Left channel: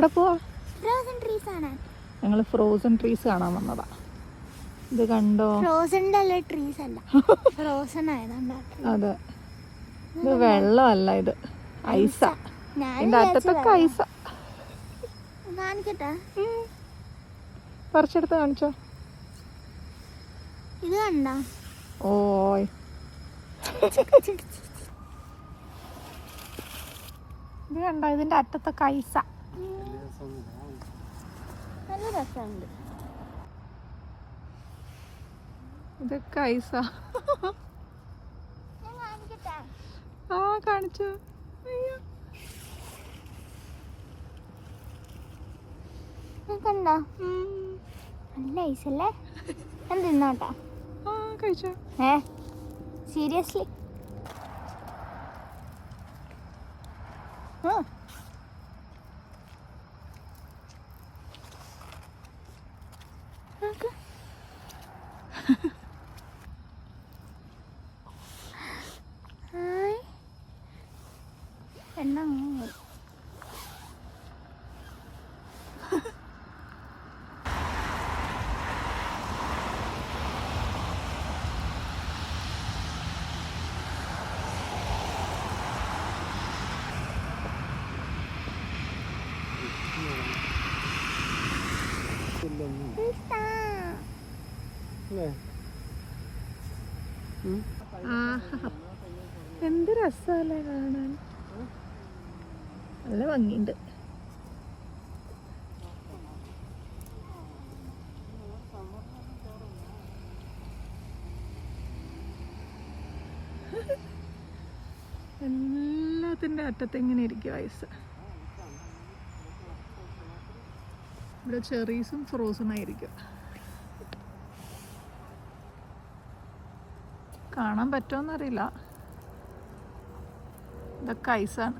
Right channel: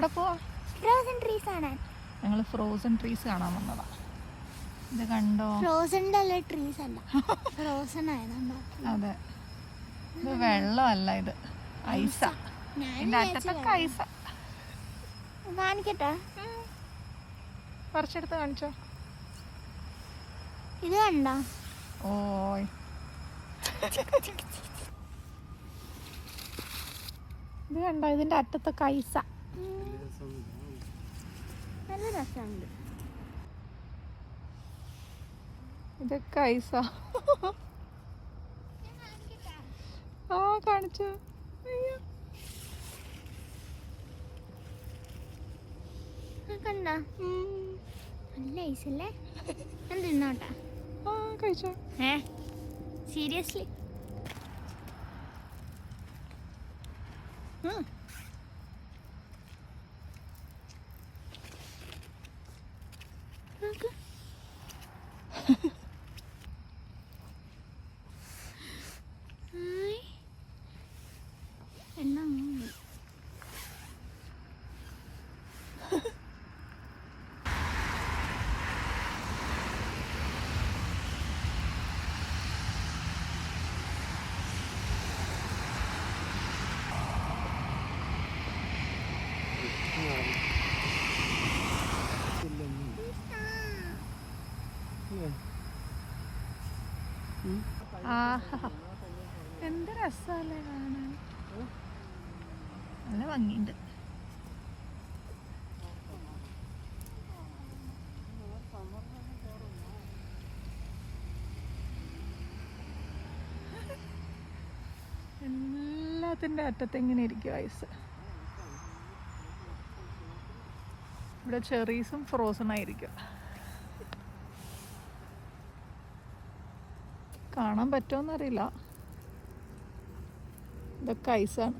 എവിടെ പോവാ? Frozen trees ആണ്. ഞങ്ങൾ ഫ്രോസൺ ട്രീസ് കാണാൻ വന്നതാ. ഇത് കണ്ടോ? ഫ്രോസണിന്റെ അല്ല, ട്രീസ് അല്ല, ഫ്രോസൺ ആയതുണ്ടോ? അതെ, ഇത് വെള്ളമല്ല, ഇത് ഐസാ. ഇതിന്റെ അറ്റത്തൊക്കെ ഐസാ. കാണിക്കട്ടെ, പറിച്ചെടുത്ത് കാണിച്ചോ. ഇത് കണ്ടോ? ഓയ്, ഇത് കണ്ടോ? ഇതിന്റെ അറ്റത്തൊക്കെ ഐസാ. നല്ല രസമുണ്ട്. ഇതൊക്കെ ഐസാ. ആ, കാണിച്ചോ. കണ്ടോ? നല്ല ഐസല്ലേ? ഞാൻ തിന്നോട്ടാ. കഴിച്ചോ? സീരിയസ്ലി? എണ്ണ എന്ത് രസമല്ലേ കാണാൻ, നല്ല ഭംഗിയുണ്ട്. എല്ലാത്തിൻ്റെ അറ്റത്ത് എങ്ങനെ ഇരിക്കും ഐസ്. ഇവിടെ ചെറീസും ഫ്രോസൺ ആയിരിക്കും. കാണാൻ പറ്റുമോന്നറിയില്ല, ഇതൊക്കെ ഐസാണ്.